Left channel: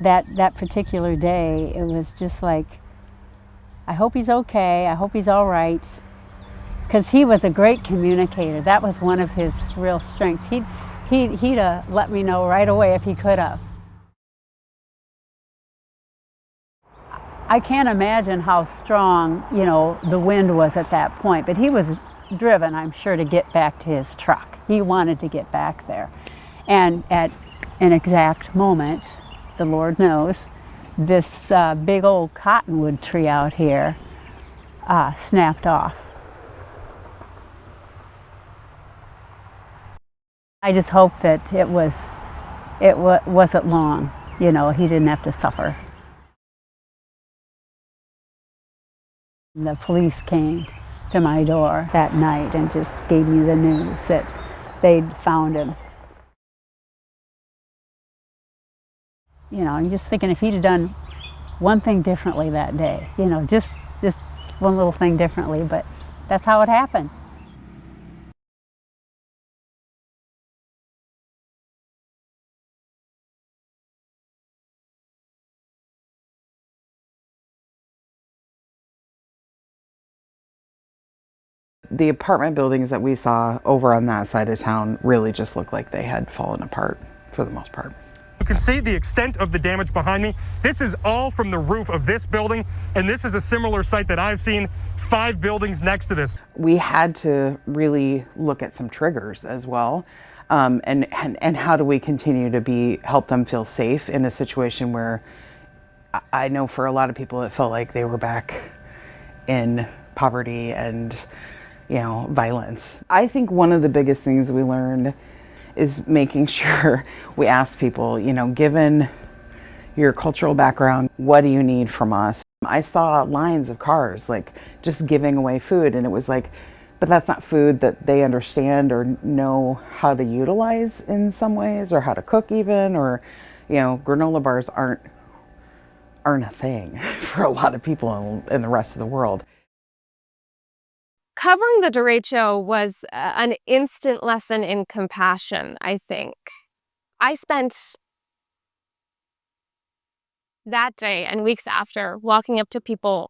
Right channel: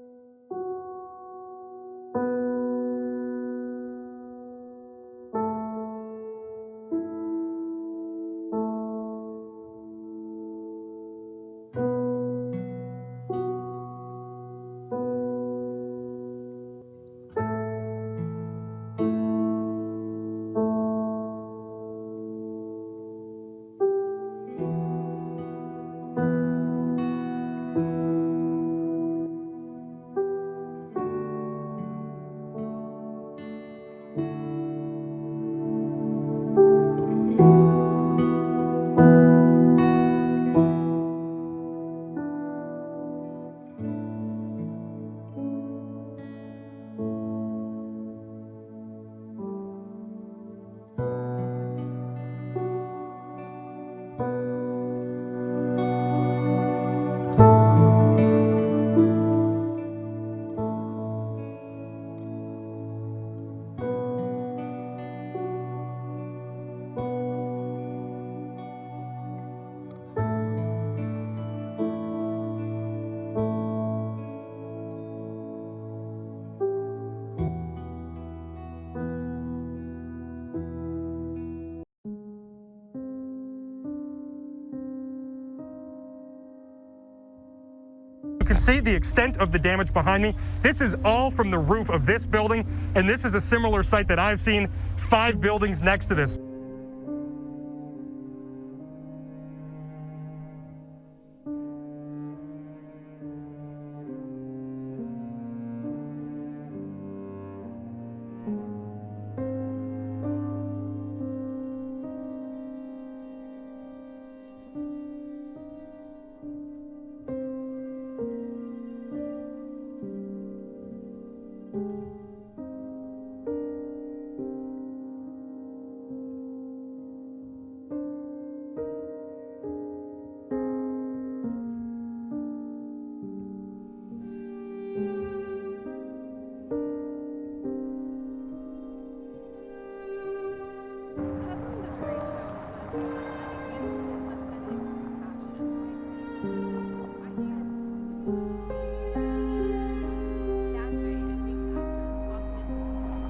That particular day, it was just like, I hope he's okay, I hope he's all right. Because he was a great communicator. That was one of his real strengths. He'd let me know right away if he could have. I can't imagine how strong, the wind was at that point, but he was driven, I'm sure, to get back to his truck. He wanted to get back there. And at an exact moment, the Lord knows, this big old cottonwood tree out here snapped off. I just hope that it wasn't long, he didn't have to suffer. The police came to my door that night and just gave me the news that they'd found him. I'm just thinking if he'd have done one thing differently that day, just one little thing differently, but that's how it happened. The apartment buildings that we saw over on that side of town really just looked like they had fallen apart for the most part. You can see the extent of the damage behind me. This is all from the roof of this building, and this is a similar site that I've seen 5 buildings next to this. We had to really look at some triggers as well, and how do we continue to help them feel safe in a situation where I know for a lot of people it felt like they were back in poverty and violence. I think one of the biggest things we learned is making sure we ask people, given your cultural background, what do you need from us? I saw lines of cars, like, just giving away food, and it was like, but that's not food that they understand or know how to utilize in some ways, or how to cook even, or, granola bars aren't a thing for a lot of people in the rest of the world. Covering the derecho was an instant lesson in compassion, I think. I spent that day and weeks after walking up to people,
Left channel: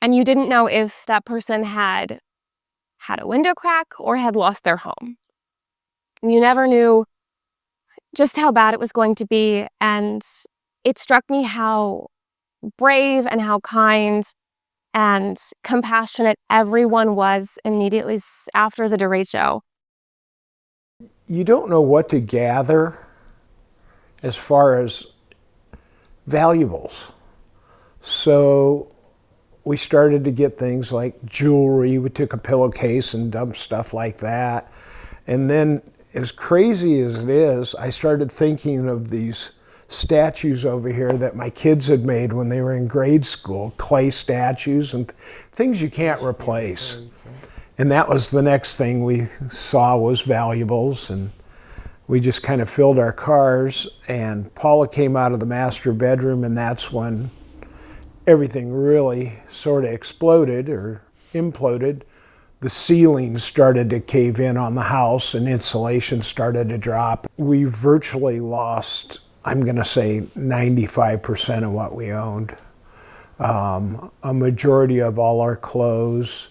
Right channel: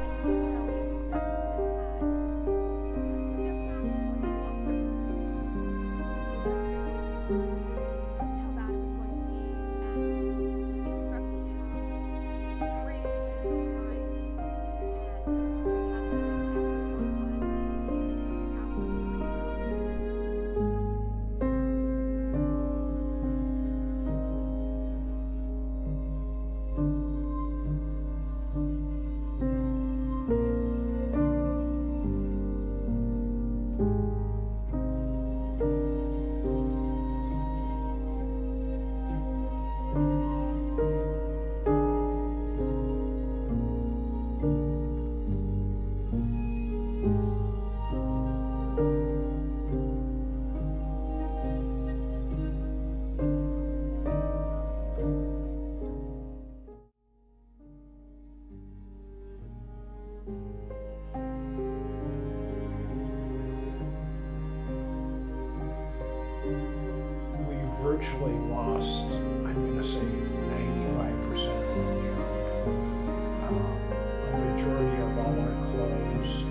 and you didn't know if that person had a window crack or had lost their home. And you never knew just how bad it was going to be, and it struck me how brave and how kind and compassionate everyone was immediately after the derecho. You don't know what to gather as far as valuables. So we started to get things like jewelry. We took a pillowcase and dumped stuff like that. And then, as crazy as it is, I started thinking of these statues over here that my kids had made when they were in grade school, clay statues and things you can't replace. And that was the next thing we saw, was valuables, and we just kind of filled our cars, and Paula came out of the master bedroom, and that's when everything really sort of exploded or imploded. The ceiling started to cave in on the house and insulation started to drop. We virtually lost, I'm going to say, 95% of what we owned. A majority of all our clothes.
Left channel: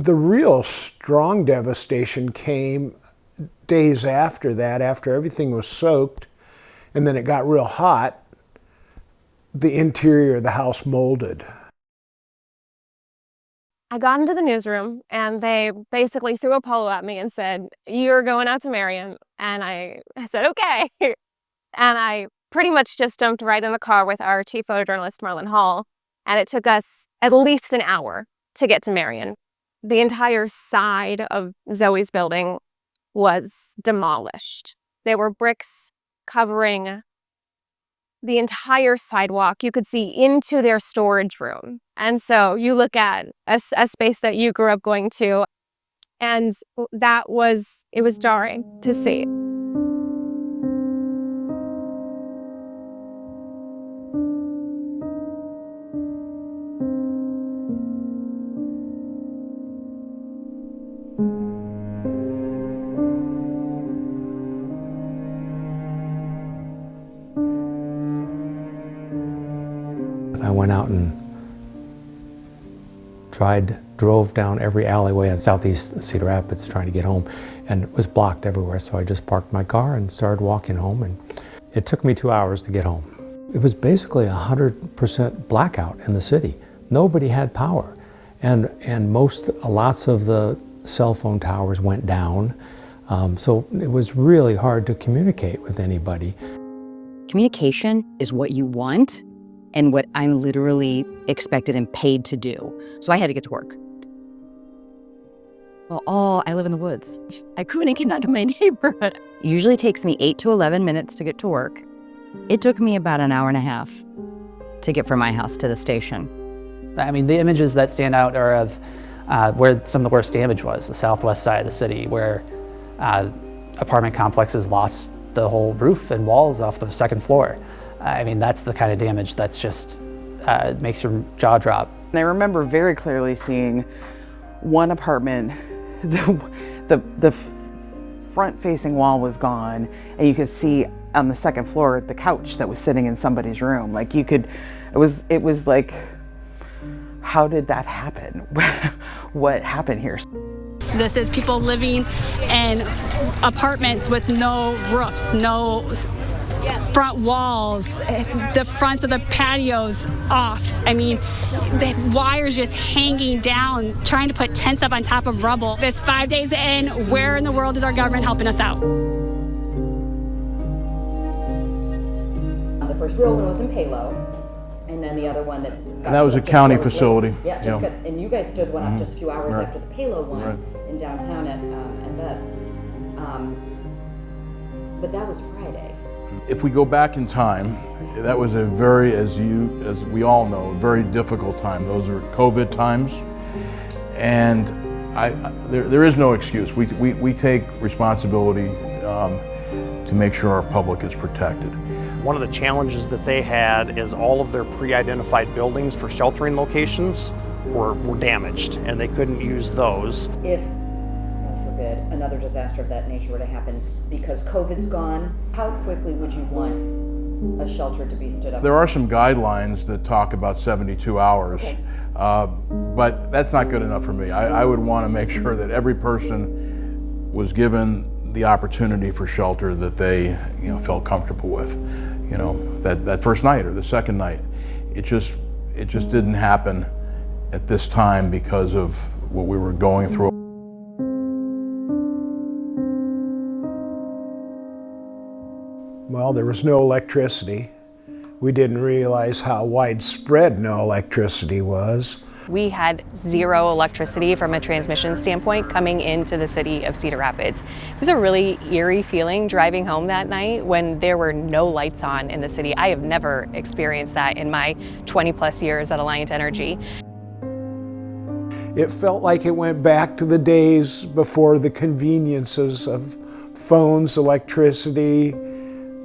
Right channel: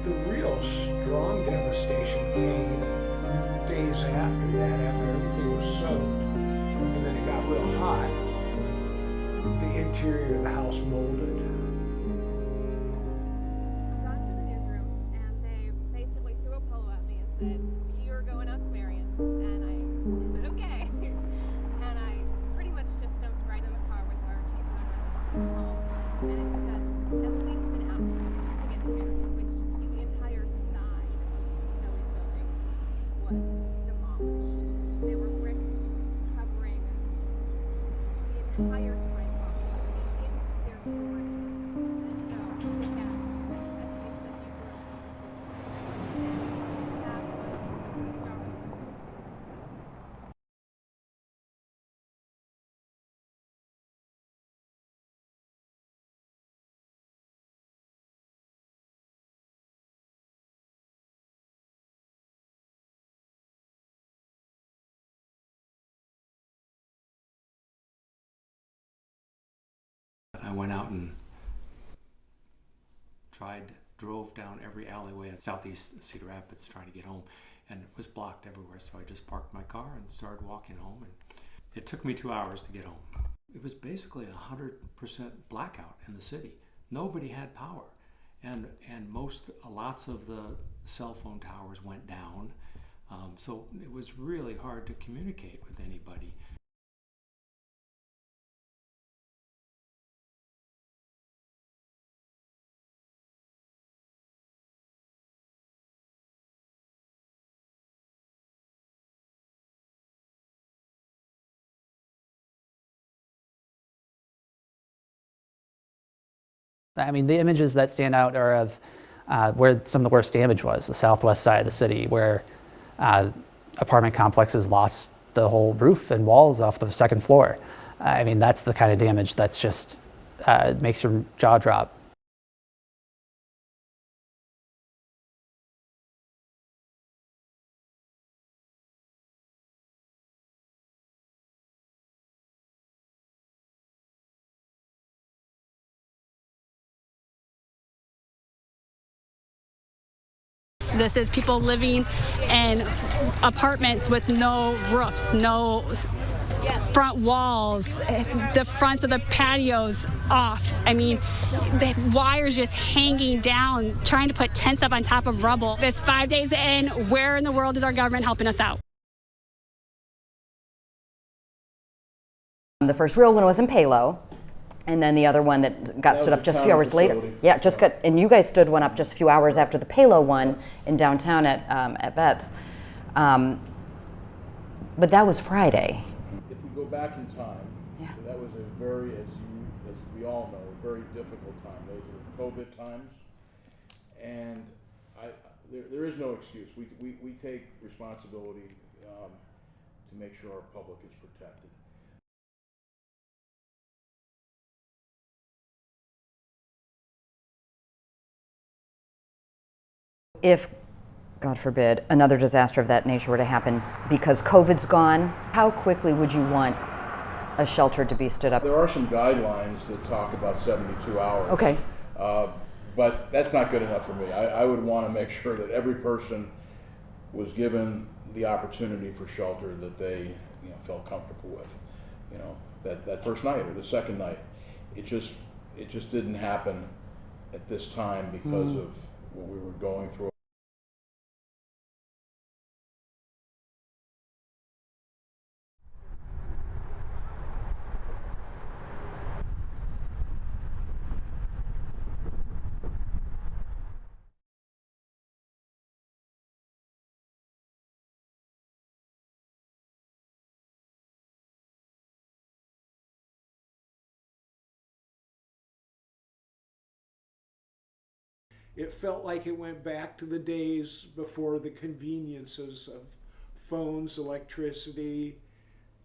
The real strong devastation came days after that, after everything was soaked, and then it got real hot. The interior of the house molded. I got into the newsroom and they basically threw a polo at me and said, "You're going out to Marion." And I said, "Okay." And I pretty much just jumped right in the car with our chief photojournalist, Marlon Hall, and it took us at least an hour to get to Marion. The entire side of Zoe's building was demolished. There were bricks covering the entire sidewalk. You could see into their storage room. And so you look at a space that you grew up going to, and it was jarring to see. drove down every alleyway in southeast Cedar Rapids trying to get home, and it was blocked everywhere. So I just parked my car and started walking home, and it took me 2 hours to get home. It was basically 100% blackout in the city. Nobody had power, and lots of the cell phone towers went down. So it was really hard to communicate with anybody. Communication is what you want and what I'm literally expected and paid to do. So I had to get to work. Well, I live in the woods. I couldn't get out of my neighborhood. It usually takes me 8 to 11 minutes to get to work. It took me about an hour and a half to get from my house to the station. I mean, the images that stand out are of where some of the worst damage was, the southwest side of the city, where apartment complexes lost the whole roof and walls off the second floor. I mean, that's the kind of damage that's just makes your jaw drop. And I remember very clearly seeing one apartment, the front-facing wall was gone, and you could see on the second floor the couch that was sitting in somebody's room. Like you could, it was like, how did that happen? What happened here? This is people living in apartments with no roofs, no front walls, the fronts of the patios off. I mean, the wires just hanging down, trying to put tents up on top of rubble. It's 5 days in. Where in the world is our government helping us out? The first real one was in Palo, and then the other one that got stood up just a few hours later. That was a county facility. Yeah, just got, and you guys stood one up just a few hours after the Palo one in downtown at Betts. But that was Friday. If we go back in time, that was a very, as we all know, a very difficult time. Those are COVID times, and there is no excuse. We take responsibility to make sure our public is protected. One of the challenges that they had is all of their pre-identified buildings for sheltering locations were damaged, and they couldn't use those. If, God forbid, another disaster of that nature were to happen because COVID's gone, how quickly would you want a shelter to be stood up? There are some guidelines that talk about 72 hours. Okay. But that's not good enough for me. I would want to make sure that every person was given the opportunity for shelter that they felt comfortable with. That first night or the second night. It just didn't happen at this time because of what we were going through. Well, there was no electricity. We didn't realize how widespread no electricity was. We had zero electricity from a transmission standpoint coming into the city of Cedar Rapids. It was a really eerie feeling driving home that night when there were no lights on in the city. I have never experienced that in my 20+ years at Alliant Energy. It felt like it went back to the days before the conveniences of phones, electricity,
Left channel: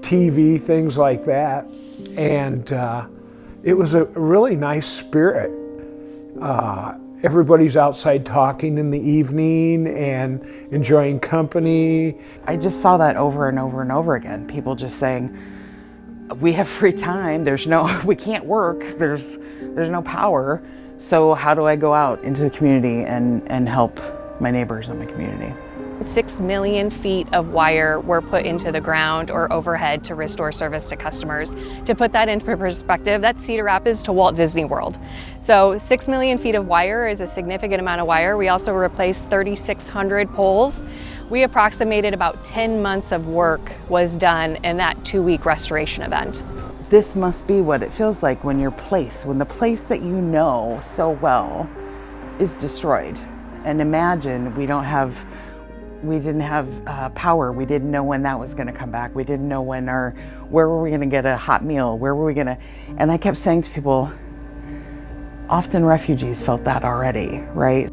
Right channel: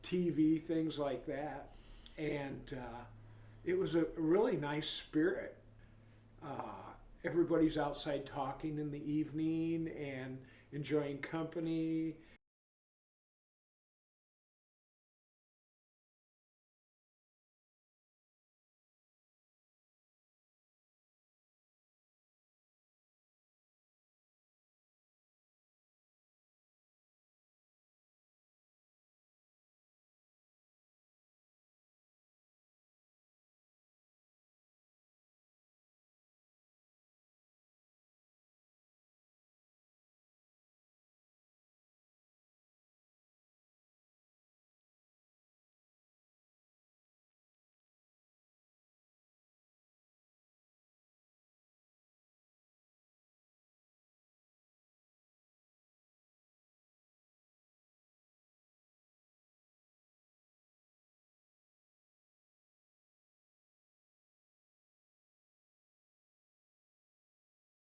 TV, things like that. And it was a really nice spirit. Everybody's outside talking in the evening and enjoying company. I just saw that over and over and over again. People just saying, we have free time, we can't work, there's no power, so how do I go out into the community and help my neighbors in my community? 6 million feet of wire were put into the ground or overhead to restore service to customers. To put that into perspective, that's Cedar Rapids to Walt Disney World. So 6 million feet of wire is a significant amount of wire. We also replaced 3,600 poles. We approximated about 10 months of work was done in that 2-week restoration event. This must be what it feels like when the place that you know so well is destroyed. And imagine we didn't have power. We didn't know when that was going to come back. We didn't know where were we going to get a hot meal? Where were we going to? And I kept saying to people, often refugees felt that already, right?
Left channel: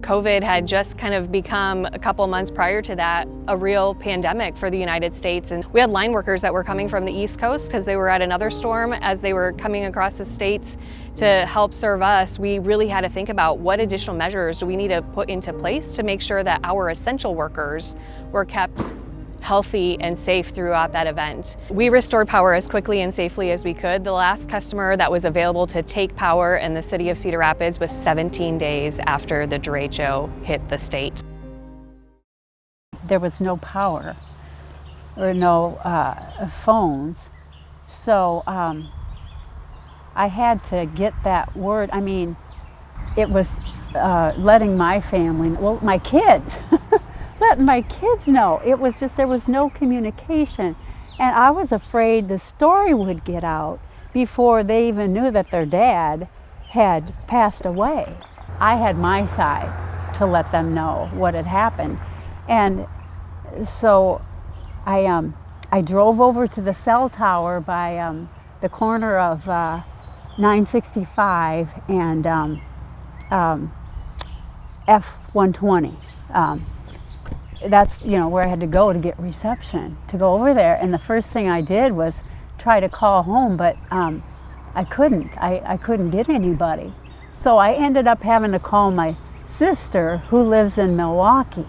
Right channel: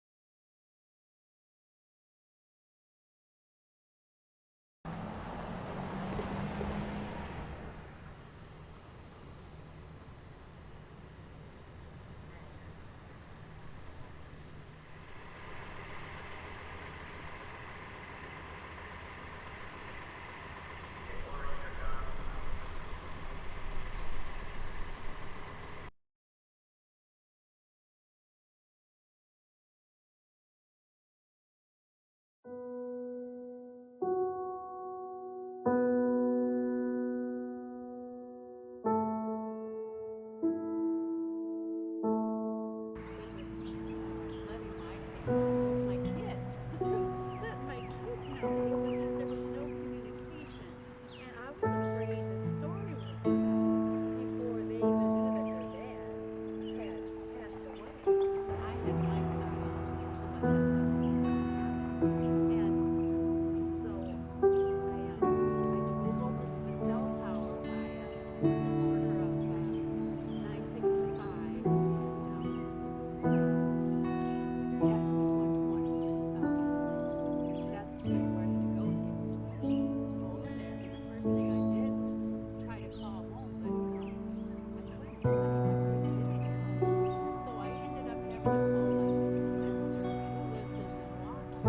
COVID had just kind of become, a couple months prior to that, a real pandemic for the United States. And we had line workers that were coming from the East Coast because they were at another storm. As they were coming across the states to help serve us, we really had to think about what additional measures do we need to put into place to make sure that our essential workers were kept healthy and safe throughout that event. We restored power as quickly and safely as we could. The last customer that was available to take power in the city of Cedar Rapids was 17 days after the derecho hit the state. There was no power or no phones, so I had to get that word. I mean, it was letting my family, well, my kids, letting my kids know. It was just, there was no communication. And I was afraid the story would get out before they even knew that their dad had passed away. I had my side to let them know what had happened. And so I drove over to the cell tower by the corner of 965 and F-120. That's, you know, where I had to go to get reception, to go over there. And the first thing I did was try to call home, but I couldn't. I couldn't get anybody. So I ended up having to call my sister, who lives in Milwaukee.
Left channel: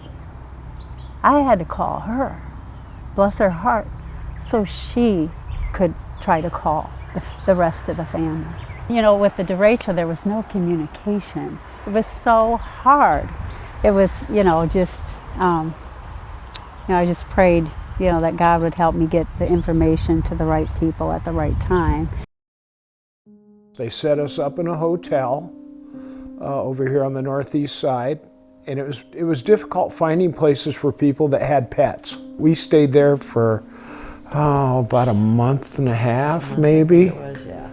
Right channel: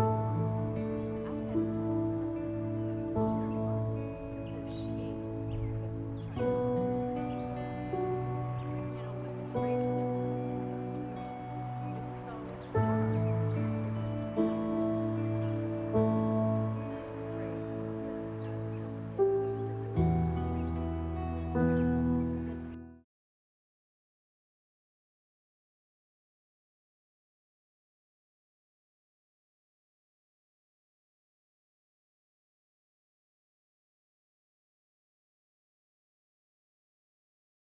I had to call her, bless her heart, so she could try to call the rest of the family. You know, with the derecho, there was no communication. It was so hard. It was, you know, just, I just prayed, you know, that God would help me get the information to the right people at the right time. They set us up in a hotel over here on the northeast side, and it was difficult finding places for people that had pets. We stayed there for about a month and a half, maybe. It was, yeah.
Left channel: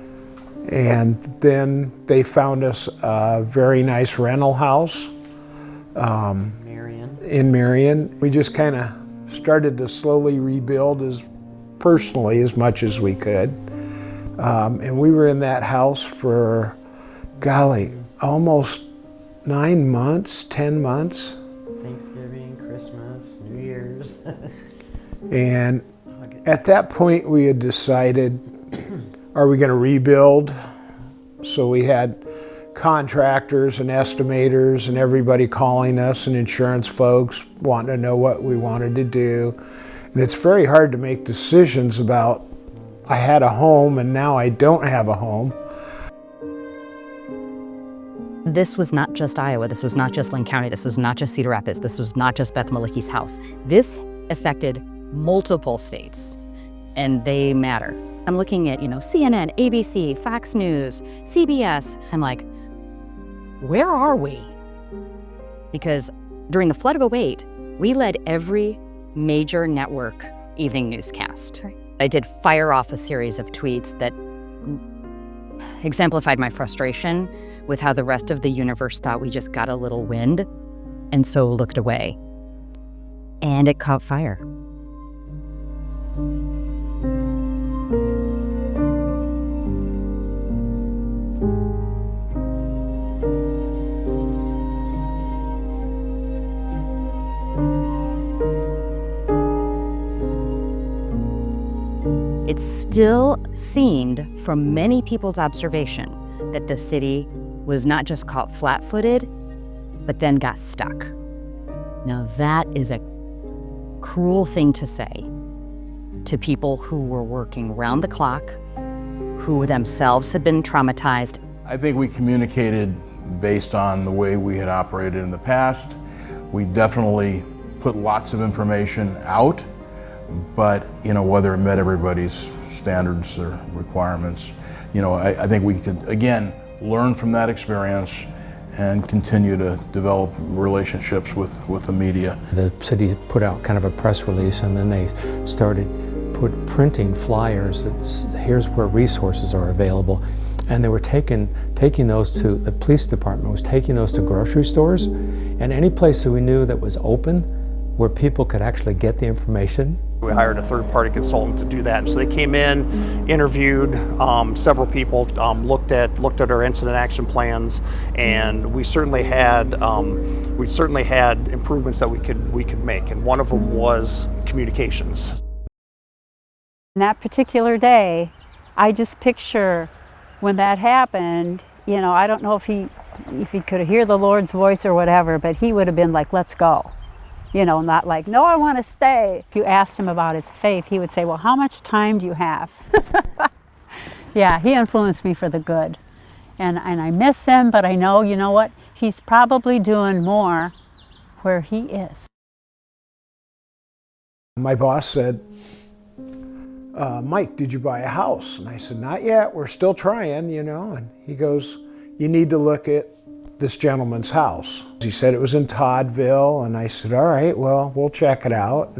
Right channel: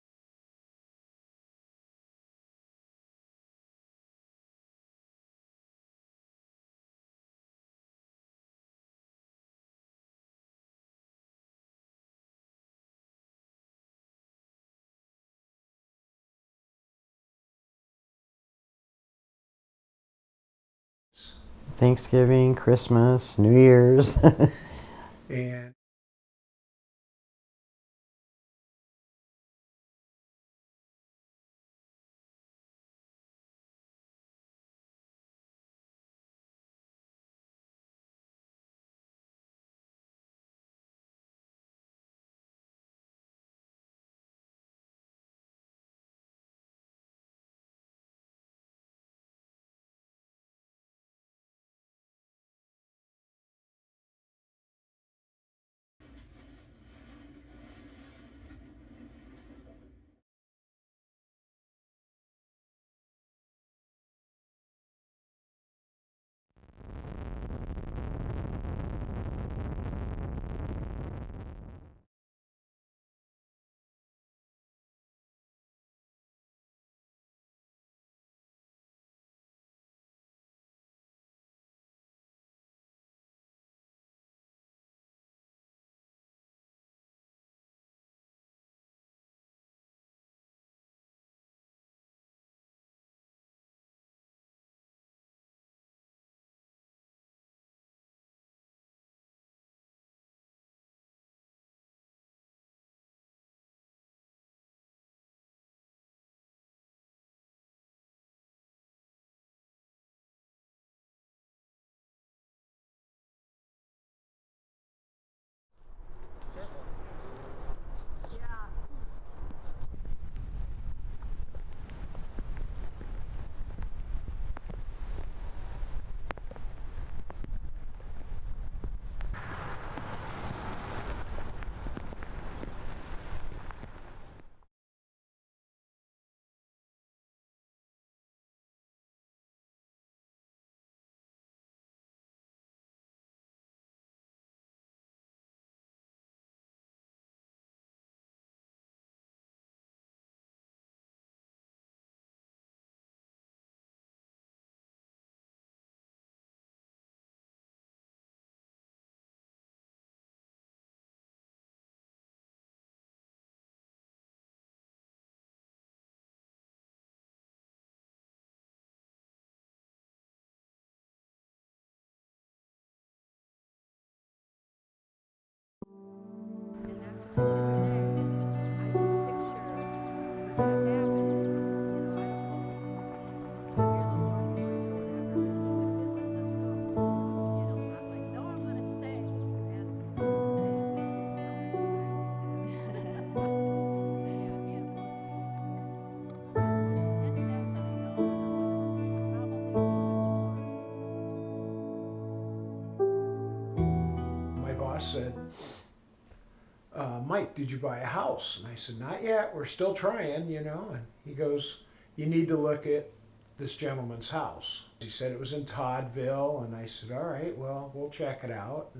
And then they found us a very nice rental house in Marion. We just kind of started to slowly rebuild personally as much as we could. And we were in that house for, golly, almost 9 months, 10 months. Thanksgiving, Christmas, New Year's. And at that point we had decided, are we going to rebuild? So we had contractors and estimators and everybody calling us and insurance folks wanting to know what we wanted to do. And it's very hard to make decisions about, I had a home and now I don't have a home. This was not just Iowa, this was not just Linn County, this was not just Cedar Rapids, this was not just Beth Malicki's house. This affected multiple states, and they matter. I'm looking at, CNN, ABC, Fox News, CBS. I'm like, where are we? Because during the flood of 2008, we led every major network evening newscast. I did fire off a series of tweets that exemplified my frustration with how the rest of the universe thought we just got a little wind and so looked away. And it caught fire. It still seemed, from many people's observation, that the city was not just caught flat-footed, but then got stuck. Now that is a cruel thing to say to people who were working round the clock, who themselves had been traumatized. I think we communicated based on the way we had operated in the past. We definitely put lots of information out, but whether it met everybody's standards or requirements, I think we could, again, learn from that experience and continue to develop relationships with the media. The city put out kind of a press release, and then they started printing flyers that here's where resources are available. And they were taking those to, the police department was taking those to grocery stores and any place that we knew that was open where people could actually get the information. We hired a third-party consultant to do that. And so they came in, interviewed several people, looked at our incident action plans, and we certainly had improvements that we could make. And one of them was communications. That particular day, I just picture when that happened, I don't know if he could hear the Lord's voice or whatever, but he would have been like, let's go. You know, not like, no, I want to stay. If you asked him about his faith, he would say, well, how much time do you have? Yeah, he influenced me for the good. And I miss him, but I know, you know what? He's probably doing more where he is. My boss said, Mike, did you buy a house? And I said, not yet, we're still trying, you know. And he goes, you need to look at this gentleman's house. He said it was in Toddville, and I said, all right, well, we'll check it out.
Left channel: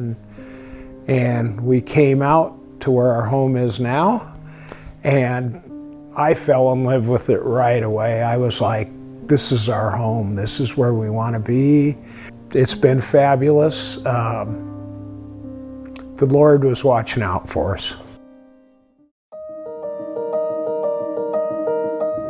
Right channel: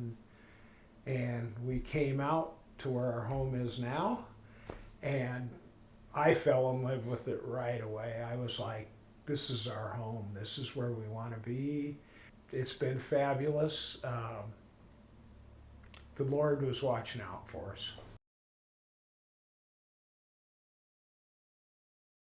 And we came out to where our home is now, and I fell in love with it right away. I was like, this is our home. This is where we want to be. It's been fabulous. The Lord was watching out for us.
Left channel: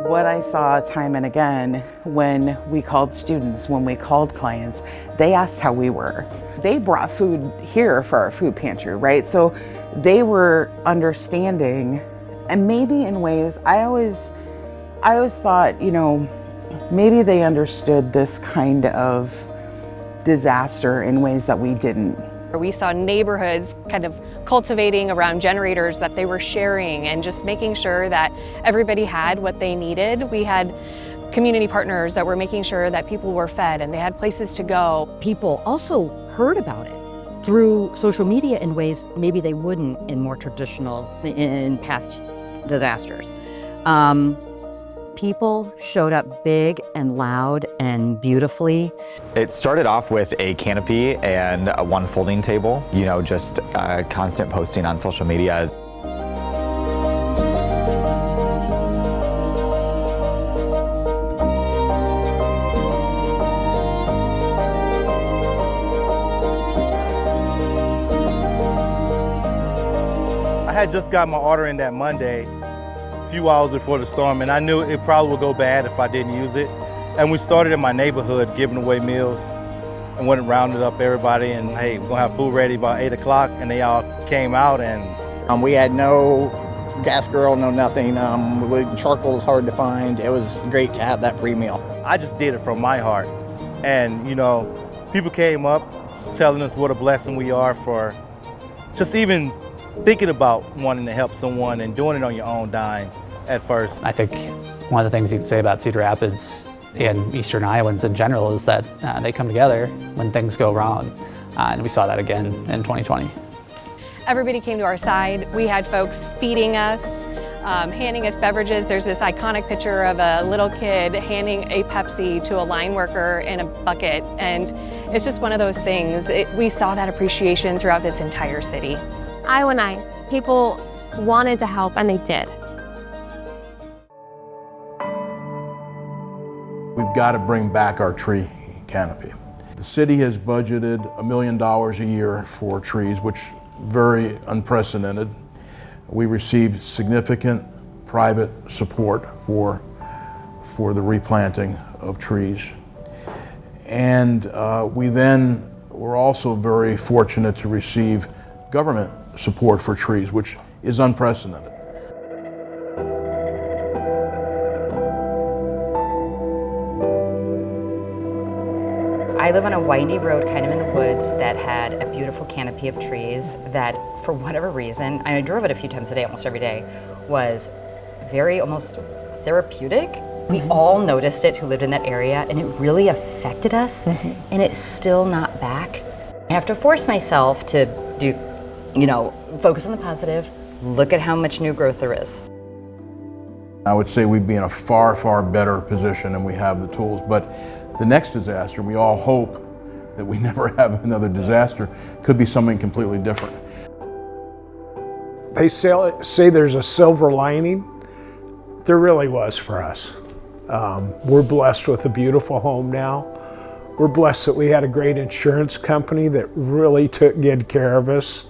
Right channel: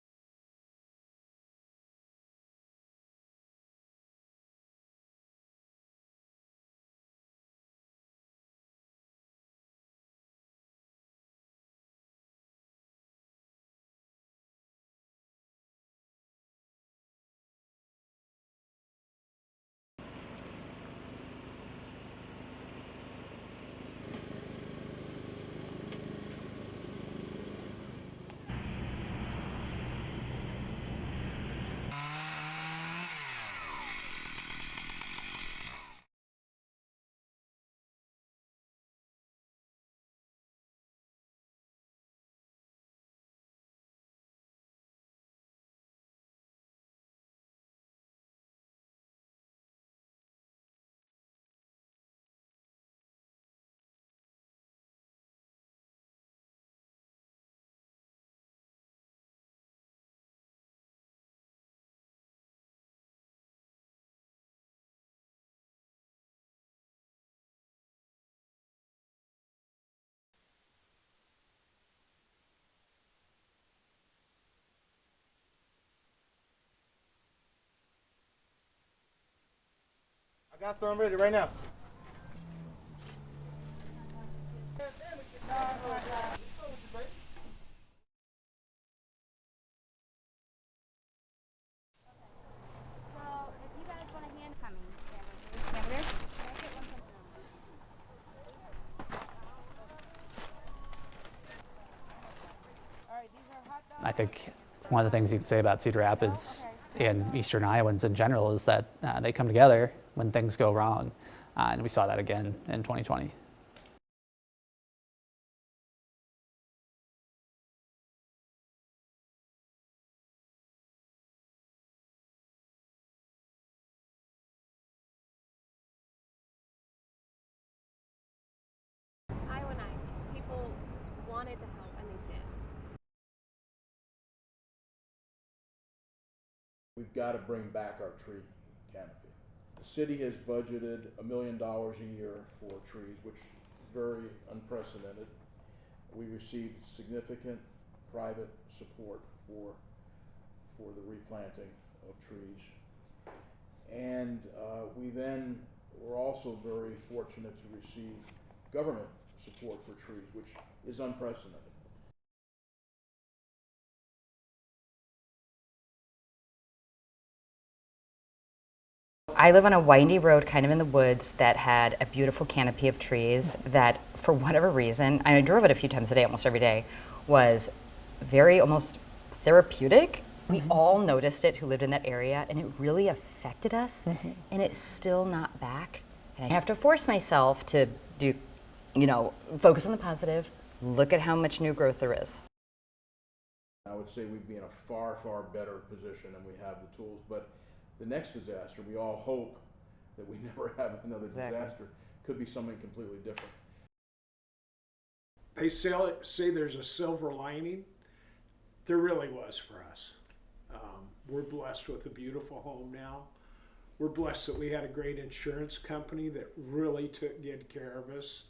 What I saw time and again when we called students, when we called clients, they asked how we were. They brought food here for our food pantry, right? So they were understanding, and maybe in ways, I always thought, you know, maybe they understood this kind of disaster in ways that we didn't. We saw neighborhoods kind of cultivating around generators that they were sharing and just making sure that everybody had what they needed. We had community partners that were making sure that people were fed and they had places to go. People also heard about it through social media in ways maybe they wouldn't in more traditional, in past disasters. People showed up big and loud and beautifully. It started off with a canopy and one folding table, you know, just constant posting on social media. I had just got my order in that Monday, a few hours before the storm, and I knew it probably would go bad if I didn't use it. And we started in my neighborhood giving away meals and went and rounded up everybody and, hey, we're gonna have food ready by 8 o'clock, and they all came out. And we had no gas grill, no nothing. Charcoal was hard to find. It was great to have that free meal. I just did it from my heart. And, you know, people came up telling us what a blessing we are for just even thinking about wanting to help someone and doing it on your own dime at first. I think one of the things you can say about Cedar Rapids and Eastern Iowans in general is that they come together when things go wrong. And we saw that again in 2020. Everybody came to our side. We had folks feeding us, handing us beverages. There's this iconic picture of a little kid handing a Pepsi to a line worker in a bucket. And it's just one of those things. We saw that appreciation throughout this entire city. Iowa nice. People wanted to help, and they did. We've got to bring back our tree canopy. The city has budgeted $1 million a year for trees, which is very unprecedented. We received significant private support for the replanting of trees. And we then were also very fortunate to receive government support for trees, which is unprecedented. I live on a windy road kind of in the woods that had a beautiful canopy of trees that, for whatever reason, I drove it a few times a day, almost every day, was very almost therapeutic. We all noticed it who lived in that area, and it really affected us, and it's still not back. I have to force myself to do, you know, focus on the positive, look at how much new growth there is. I would say we'd be in a far, far better position and we have the tools, but the next disaster, we all hope that we never have another disaster, could be something completely different. They say there's a silver lining. There really was for us. We're blessed with a beautiful home now. We're blessed that we had a great insurance company that really took good care of us.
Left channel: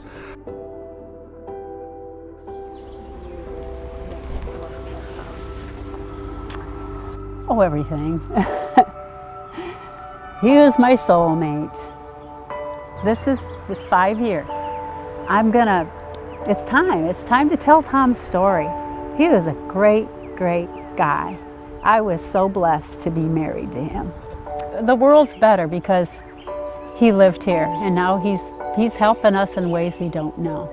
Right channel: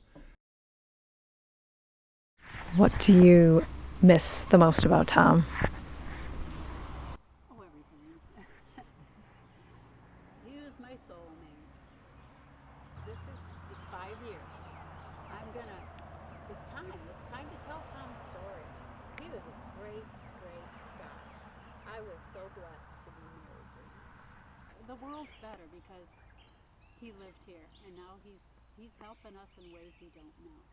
What do you miss the most about Tom? Oh, everything. He was my soulmate. This is 5 years. It's time to tell Tom's story. He was a great, great guy. I was so blessed to be married to him. The world's better because he lived here, and now he's helping us in ways we don't know.